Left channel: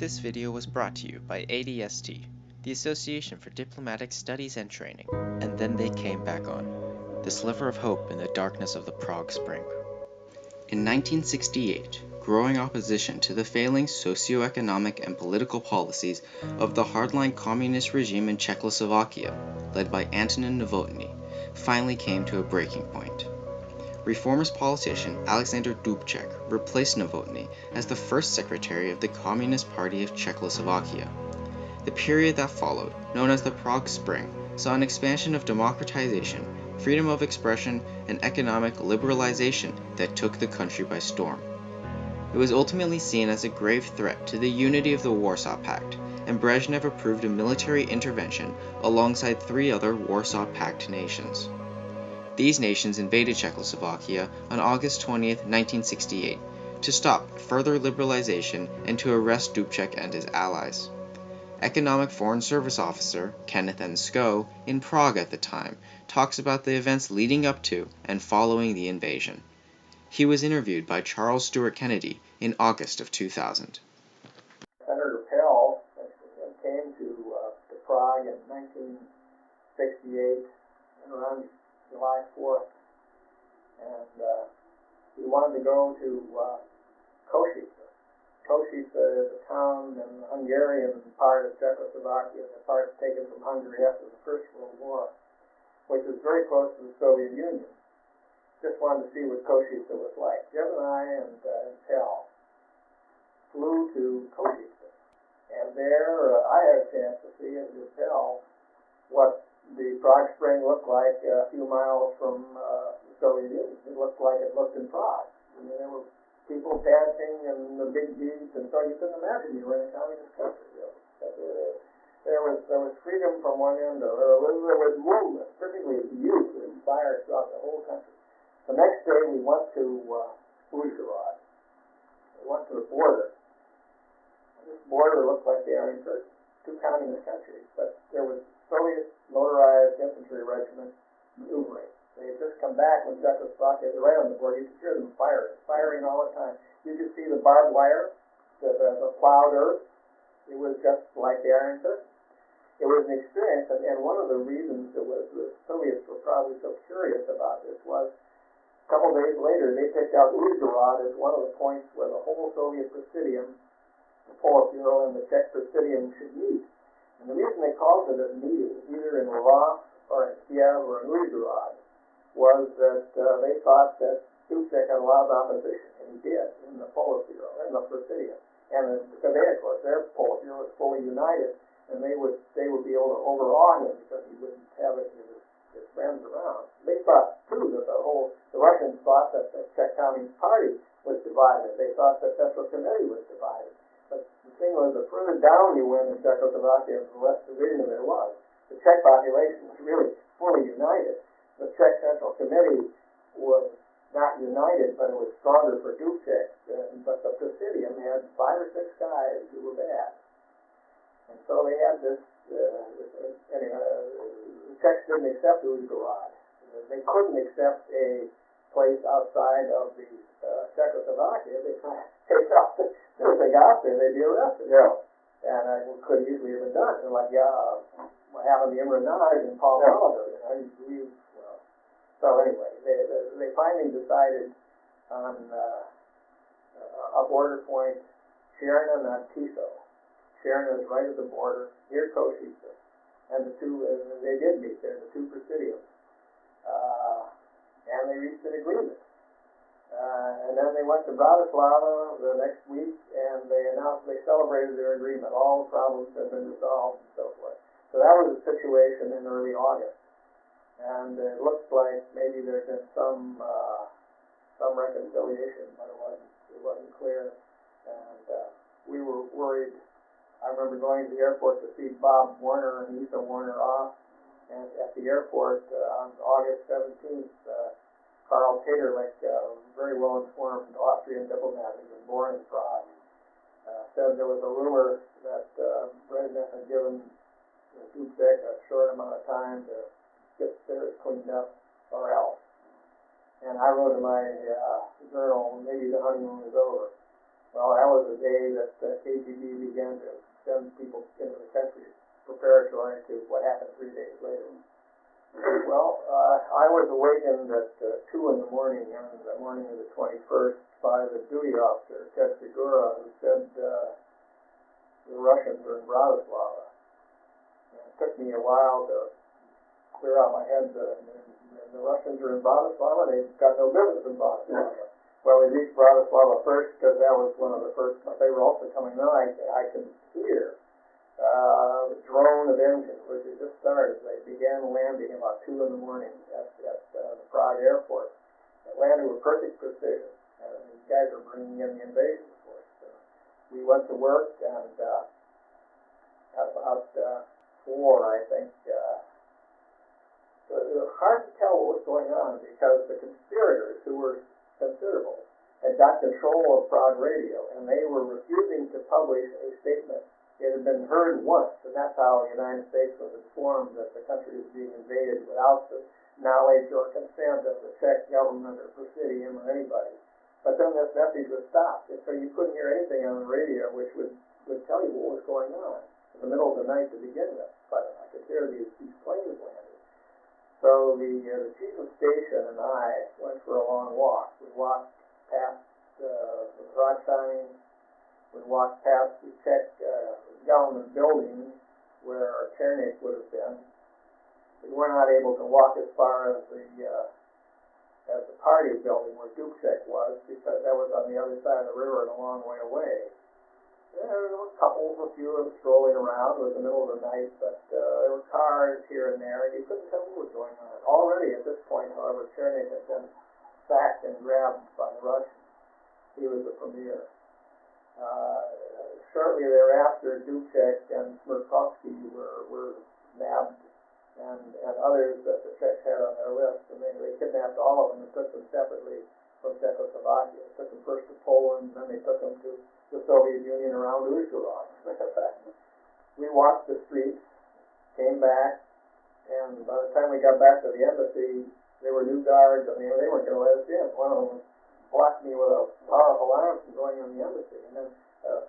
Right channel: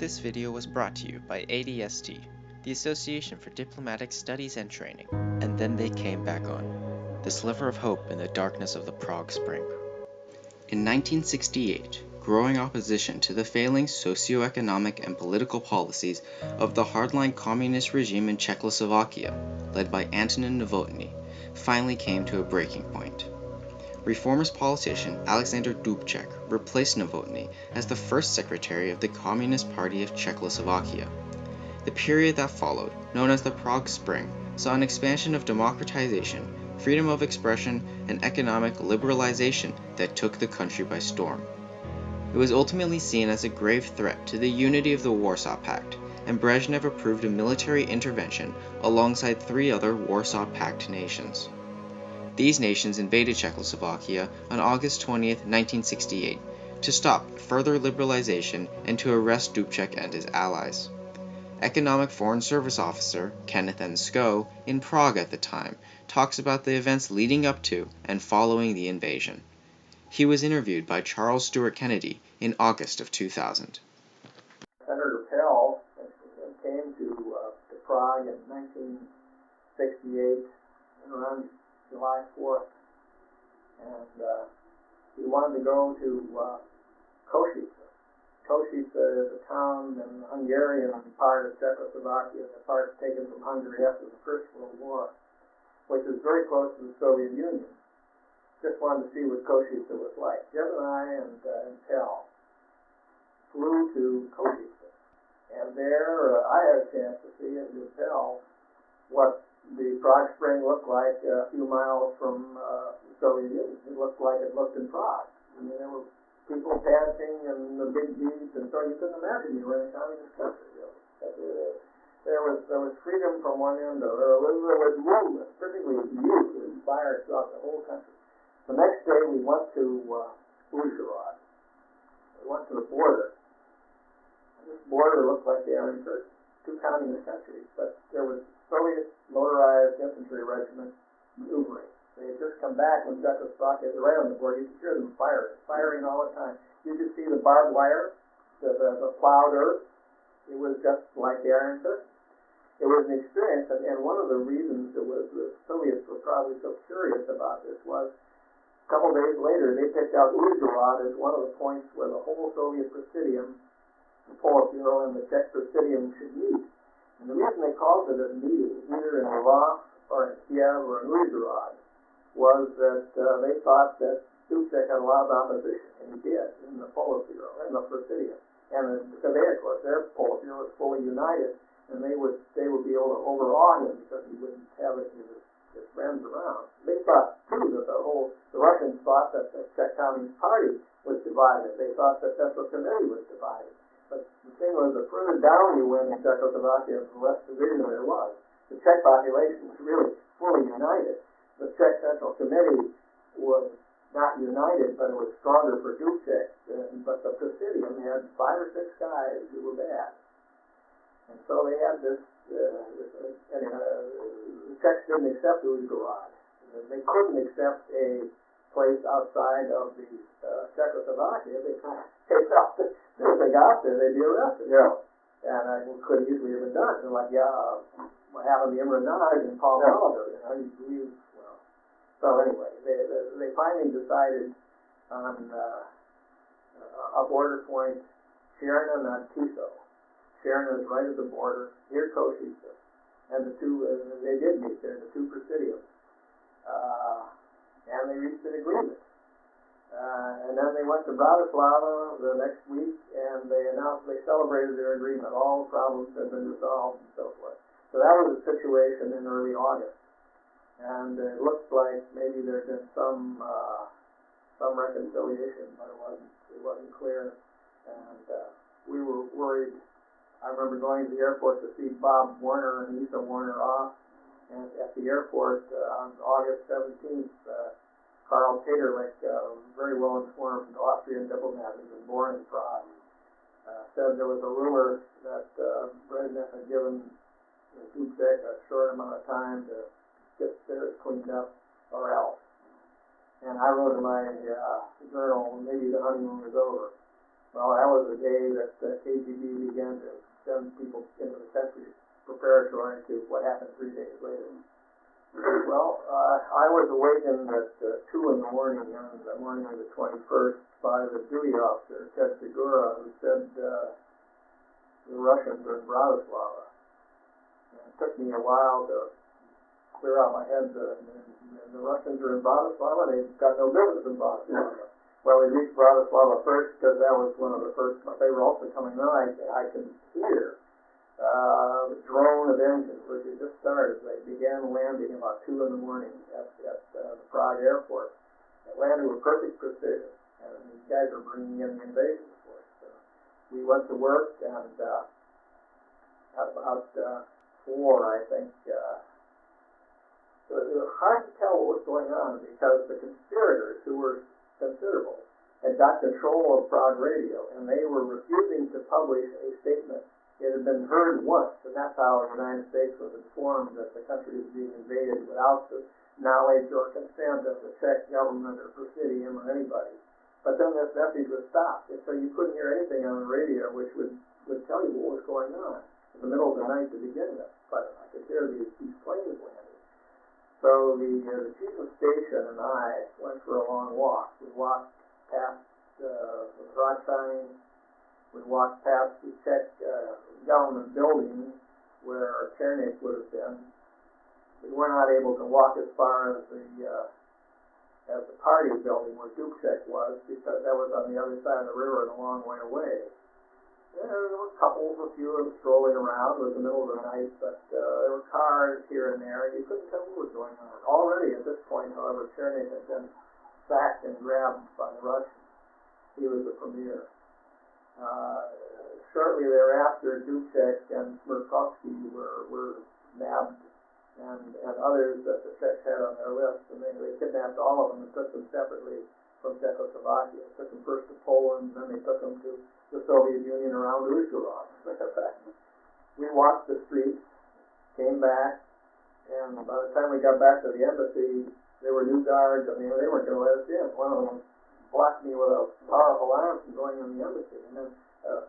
This video was brought to you by ADST, the Association for Diplomatic Studies and Training, and then they came back on, the sliver of hope in the darkness of the Prague Spring. In 1968, growing opposition to the failing socio-economic and political policies of the hardline communist regime in Czechoslovakia, led by Antonin Novotny, finally came to a breaking point. Reformist politician Alexander Dubcek replaced Novotny as the first secretary of the Communist Party of Czechoslovakia. The period that followed, known as the Prague Spring, saw an expansion of democratization, freedom of expression, and economic liberalization that took the country by storm. It was ultimately seen as a grave threat to the unity of the Warsaw Pact, and Brezhnev approved a military intervention alongside three other Warsaw Pact nations. These nations invaded Czechoslovakia on August 20, 1968, to stop further liberalization and to arrest Dubcek and his allies. Economic Foreign Service Officer Kenneth N. Skoug, in Prague at the time, talks about the events leading up to and following the invasion. He was interviewed by Charles Stuart Kennedy in August of 2000. Senator Pell came to Prague in 1968 around July 4th, and he wanted to go to Košice. Košice is a town in the Hungarian part of Czechoslovakia, the part taken from Hungary after the First World War, which is very close to the Soviet Union. Just wanted to see what Košice was like. Jim and I and Pell flew to Košice, and there I had a chance to see it with Pell what the Prague Spring looked like a few miles from the Soviet Union. It looked like it looked in Prague. I mean, there were people dancing and the big jeeps, and so you couldn't imagine you were in a communist country. There was freedom from one end, or there was movement, particularly youth, that inspired throughout the whole country. The next day we went to Uzhhorod. We went to the border. And this border looked like the Iron Curtain, two communist countries, but there was Soviet motorized infantry regiment maneuvering. They had just come back when Czechoslovakia was right on the border. You could hear them firing all the time. You could see the barbed wire, the plowed earth. It was just like the Iron Curtain. It was an experience, and one of the reasons the Soviets were probably so curious about this was a couple days later they picked out Uzhhorod as one of the points where the whole Soviet Presidium, the Politburo and the Czech Presidium should meet. And the reason they called it a meeting, either in Lvov or in Kiev or in Uzhhorod, was that they thought that Dubcek had a lot of opposition, and he did, in the Politburo, in the Presidium. And because they, of course, their Politburo was fully united, and they would be able to overawe him because he wouldn't have his friends around. They thought, too, that the Russians thought that the Czech Communist Party was divided. They thought the Central Committee was divided. But the thing was, the further down you went in Czechoslovakia, the less division there was. The Czech population was really fully united. The Czech Central Committee was not united, but it was stronger for Dubcek. But the Presidium had 5 or 6 guys who were bad. And so they had this, the Czechs didn't accept Uzhhorod. They couldn't accept a place outside of the Czechoslovakia because they thought that if they got there, they'd be arrested. Yeah. And it could easily have been done. And like, what happened to Imre Nagy and Paul Gallagher, So anyway, they finally decided on a border point, Chernin and Tiso. Chernin is right at the border, near Košice. And the two, they did meet there, the two presidiums. And they reached an agreement. And then they went to Bratislava the next week, and they celebrated their agreement. All problems had been resolved and so forth. So that was the situation in early August. And it looked like maybe there had been some reconciliation, but it wasn't clear. And we were worried. I remember going to the airport to see Bob Warner and Lisa Warner off. And at the airport on August 17th, Karl Taterlich, very well informed Austrian diplomat who was born in Prague, said there was a rumor that Brezhnev had given Dubcek a short amount of time to get theirs cleaned up or else. And I wrote in my journal, maybe the honeymoon was over. Well, that was the day that the KGB began warning on the morning of the 21st by the duty officer, Ted Segura, who said the Russians are in Bratislava. And it took me a while to clear out my head that the Russians are in Bratislava. They've got no business in Bratislava. Well, we reached Bratislava first because that was one of the first. They were also coming on. I could hear the drone of engines, which had just started. They began landing about 2 in the morning at the Prague airport. They landed with perfect precision, and these guys were bringing in the invasion force. We went to work, and at about 4, I think, it was hard to tell what was going on because the conspirators, who were considerable, had got control of Prague radio, and they were refusing to publish a statement. It had been heard once, and that's how the United States was informed that the country was being invaded without the knowledge or consent of the Czech government or Presidium or anybody. But then this message was stopped, and so you couldn't hear anything on the radio which would tell you what was going on in the middle of the night to begin with. But I could hear these planes landing. So the chief of station and I went for a long walk. We walked past the Prague sign. We walked past the Czech government building where Černík would have been. We were not able to walk as far as the party building where Dubcek was, because that was on the other side of the river and a long way away. There were couples, a few of them strolling around. It was the middle of the night, but there were cars here and there, and you couldn't tell what was going on. Already at this point, however, Černík had been sacked and grabbed by the Russians. He was the premier. Shortly thereafter, Dubcek and Smirkovsky were nabbed, and others that the Czechs had on their list, and they kidnapped all of them and took them separately from Czechoslovakia. Took them first to Poland, then they took them to the Soviet Union around Uzhhorod. We walked the streets, came back, and by the time we got back to the embassy, there were new guards, and they weren't going to let us in. One of them blocked me with a powerful arm from going in the embassy, and then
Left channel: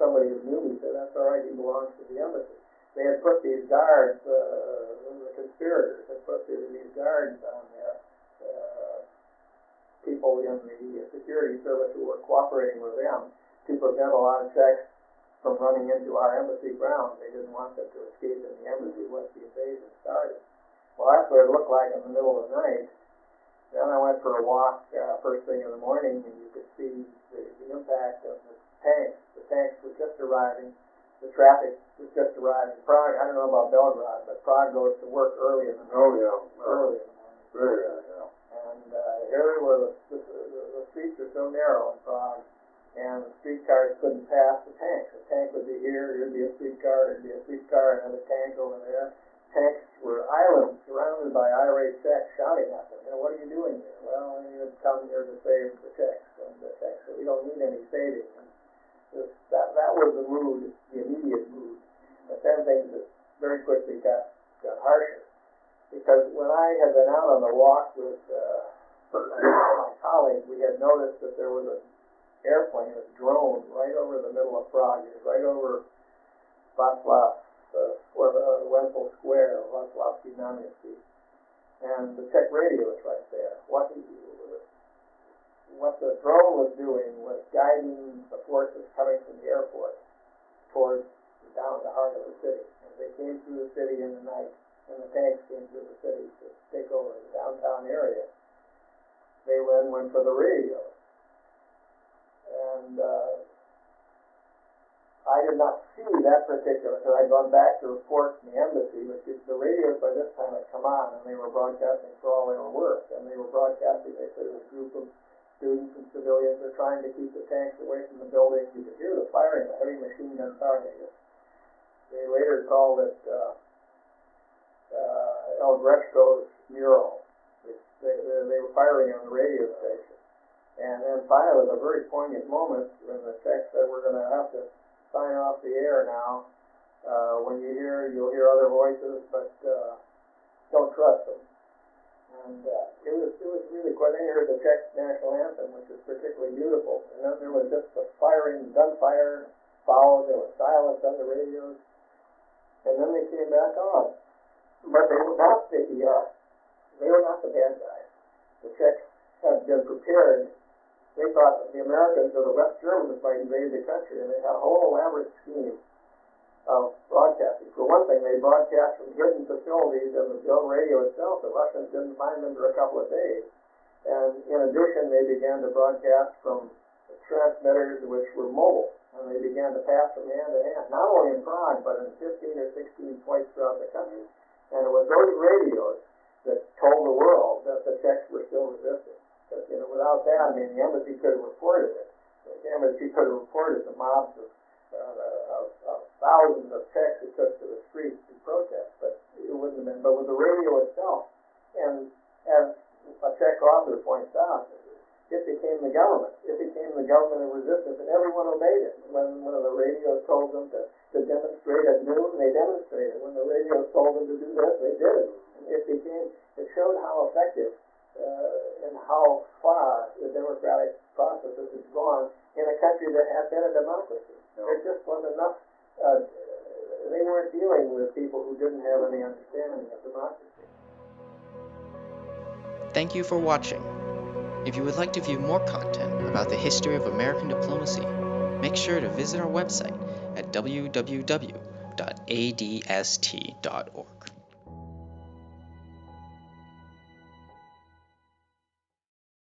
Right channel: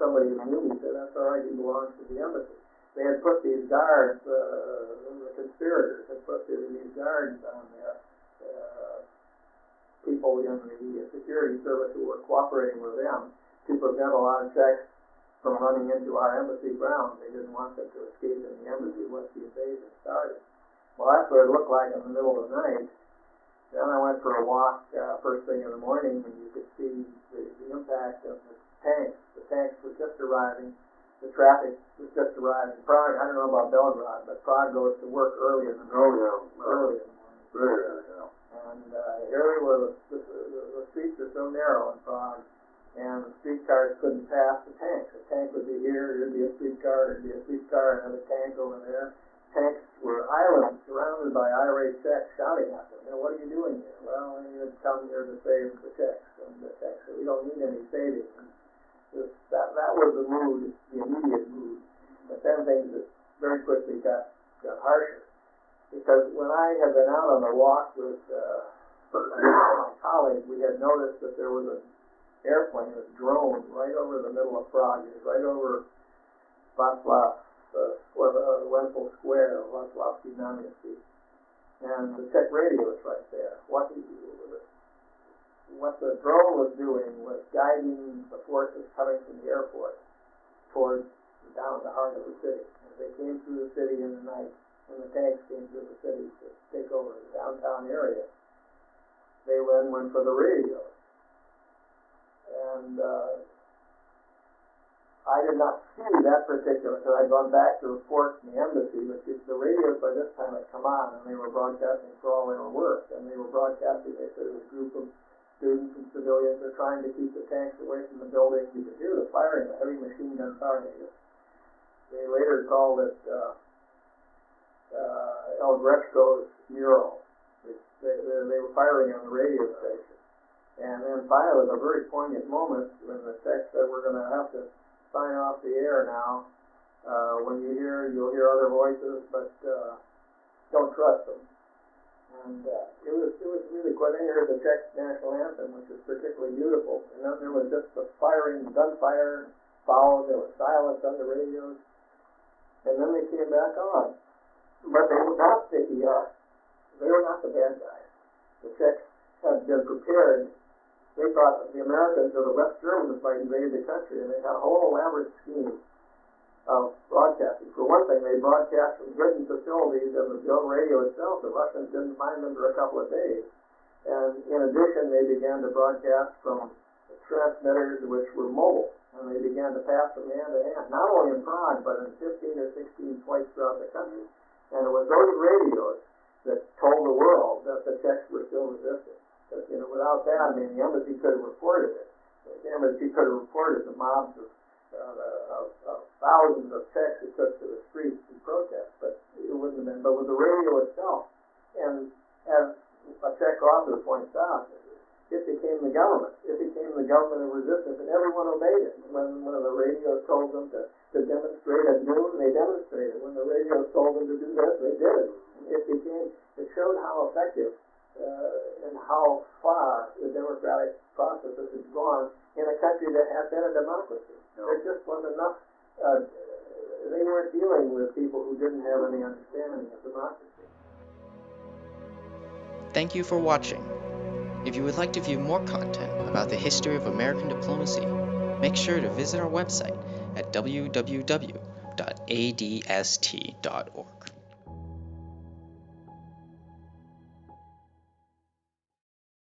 somebody who knew me said, "That's all right, he belongs to the embassy." They had put these guards, the conspirators had put these guards on there, people in the security service who were cooperating with them to prevent a lot of Czechs from running into our embassy grounds. They didn't want them to escape in the embassy once the invasion started. Well, that's what it looked like in the middle of the night. Then I went for a walk first thing in the morning, and you could see the impact of the tanks. The tanks were just arriving. The traffic was just arriving. Prague, I don't know about Belgrade, but Prague goes to work early in the morning. Early in the morning. And area where the streets are so narrow in Prague, and the streetcars couldn't pass the tanks. The tank would be here, there'd be a streetcar, there'd be a streetcar, another tank over there. Tanks were islands surrounded by irate Czechs shouting at them. What are you doing here? Well, we had come here to save the Czechs, and the Czechs said, "We don't need any saving." And that was the mood, the immediate mood. But then things just very quickly got harsher. Because when I had been out on the walk with my colleagues, we had noticed that there was an airplane, a drone, right over the middle of Prague, right over Václav Wenzel Square, Václavský náměstí. And the Czech radio was right there. What the drone was doing was guiding the forces coming from the airport towards down the heart of the city. As they came through the city in the night, and the tanks came through the city to take over the downtown area, they then went for the radio. And I did not see that particular, because I'd gone back to report in the embassy, but the radios by this time had come on, and they were broadcasting for all they were worth. And they were broadcasting, they said it was a group of students and civilians are trying to keep the tanks away from the building. You could hear the firing, the heavy machine gun firing. They later called it Oldřich's mural. They were firing on the radio station. And then finally, it was a very poignant moment when the Czechs said, "We're going to have to sign off the air now. When you'll hear other voices, but don't trust them." And it was really quite. Then you heard the Czech national anthem, which is particularly beautiful. And then there was just the firing, gunfire followed. There was silence on the radios, and then they came back on. But they were not the bad guys. The Czechs had been prepared. They thought that the Americans or the West Germans might invade the country, and they had a whole elaborate scheme of broadcasting. For one thing, they broadcast from hidden facilities in the Dome radio itself. The Russians didn't find them for a couple of days. And in addition, they began to broadcast from transmitters which were mobile, and they began to pass from hand to hand, not only in Prague, but in 15 or 16 points throughout the country. And it was those radios that told the world that the Czechs were still resisting. But, without that, the embassy could have reported it. The embassy could have reported the mobs of thousands of Czechs who took to the streets to protest, but it wouldn't have been. But with the radio itself, and as a Czech author points out, it became the government. It became the government of resistance, and everyone obeyed it. When one of the radios told them to demonstrate at noon, they demonstrated. When the radios told them to do this, they did it. It showed how effective and how far the democratic process has gone in a country that had been a democracy. There just wasn't enough. They weren't dealing with people who didn't have any understanding of democracy. Thank you for watching. If you would like to view more content about the history of American diplomacy, make sure to visit our website at www.adst.org.